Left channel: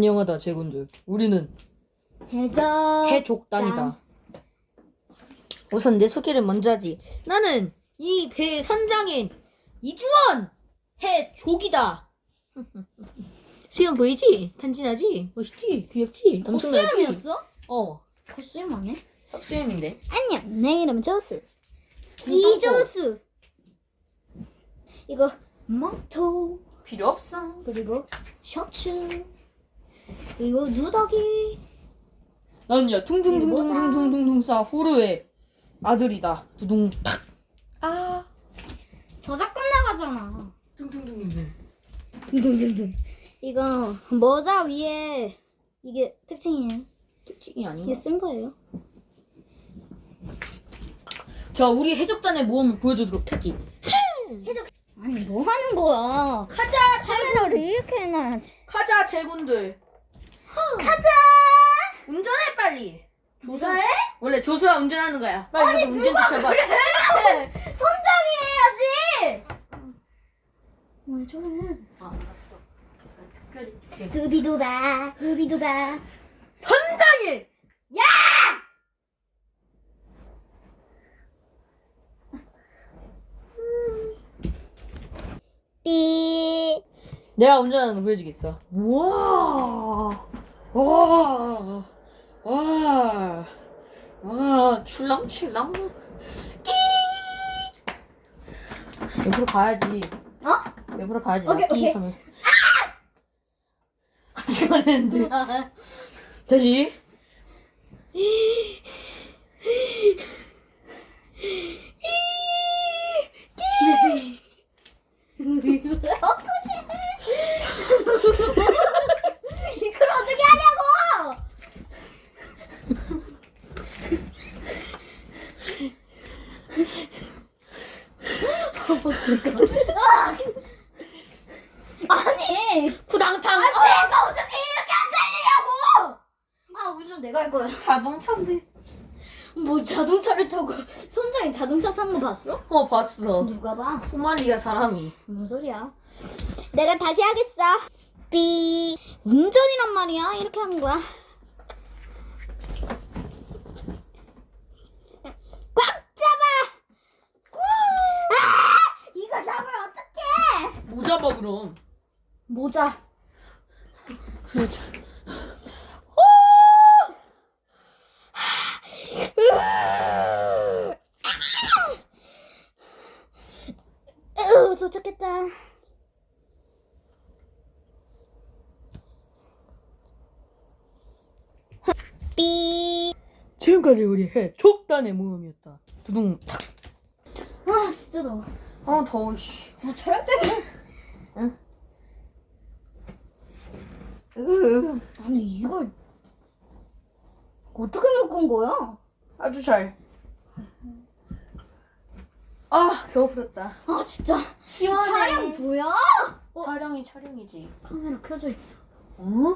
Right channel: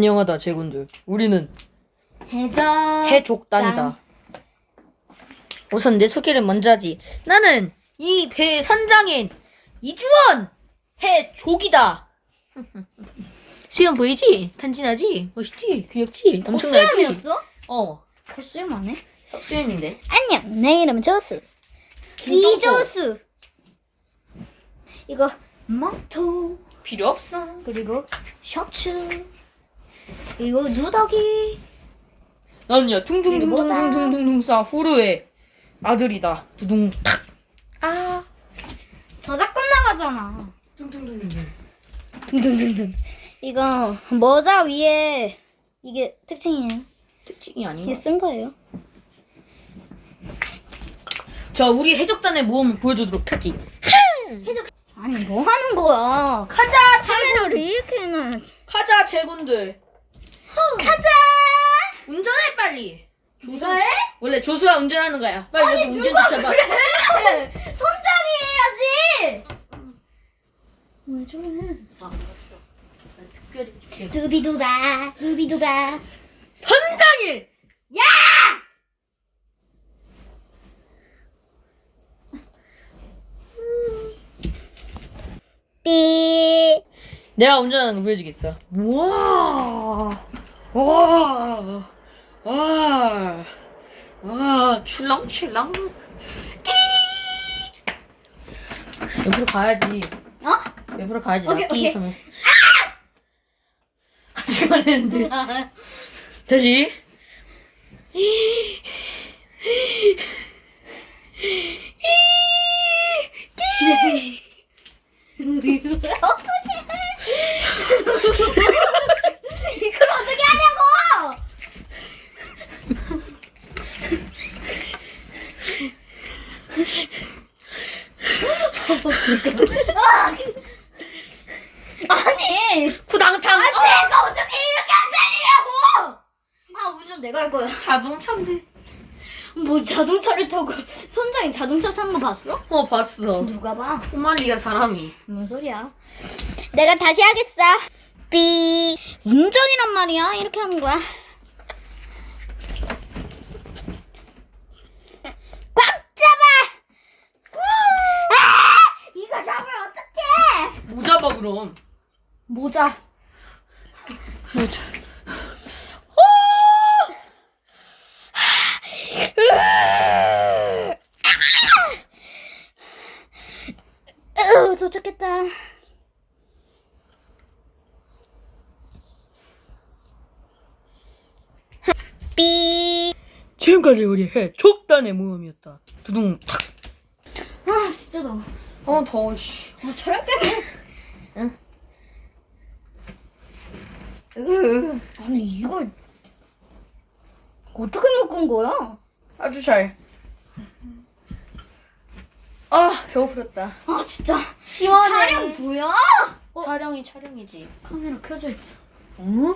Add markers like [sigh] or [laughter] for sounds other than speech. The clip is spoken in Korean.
안녕하다 제군들 우리는 해적 해족단이다 우선 내 소개를 먼저 하지 나는 이 배의 선장인 이주원 해족이다 [laughs] 수염 보이지? 간지나지? 멋있지? 귀엽지? 엄청나지? 코스염이었어? 어 코스염하네 수염인데 안녕 내 이름은 김동호. 이조스 이거 망토 필요 없어 그리고 셔츠 그리고 누더기. 나는야 둥둥둥둥둥둥둥 싸 후르의 아들이다. 두둥 탁 아 저작권 나가잖아. 둥둥둥둥 둥둥둥둥 이거 모자 위에 이게 특징이에요? 특징이 아닌가? 이게 쓴 거예요? 자 우리 해적단의 모험을 보여주도록 하지. 아니 뭐 하는 거야? 가자 카메라를 이렇게 해놔야지. 가자 제군들 가자! 운전해 빨리. 조수 왜? 원래 조수가 운전하는 거야. 빨리 여기 운전대 잡아 손잡이 해야지 왜 저래 아 알았어. 난 특별히 줄게. 두비두바 두비두바. 선장이! 삐 내가 운전하는 거 보여주겠어. 우와 와, 와, 와, 출렁출렁. 끼. 옆으로 가야지. 어? 옆으로 가야지. 오케이, 오케이. 하면. 아직 안 했는데. 다시. 어떻게 이걸 어떻게 하냐고 아니 구당탕. 내가 어떻게 이렇게 안 살리냐고 아 운전 내가 할 거야 자동차인데. 뭐 자동차를 타고 선장이 자동차 탄 거 봤어? 어 봤어. 누가 봐 소말리아 사람이. 뭔 소리야? 내가 다시 하겠어. 삐. 운전이란 말이야. 이렇게 하는 거야. 꽉 잡아. 아! 이거 잡으면 봐 그럼. 모자. 모자. 으, 도착했다. 삐. 지금까지 우리 해 족단의 모험이었다. 두둥 탁. 아, 진짜 더워. 어 더워 씨. 아, 촬영 때문에. 으, 아니, 이거 어떻게 묶은 거야? 아주 잘. 아 배고프렸다. 아, 진짜. 시원해. 촬영 뭐야? 촬영이 촬영이지. 카메라 켜져 있어. 어?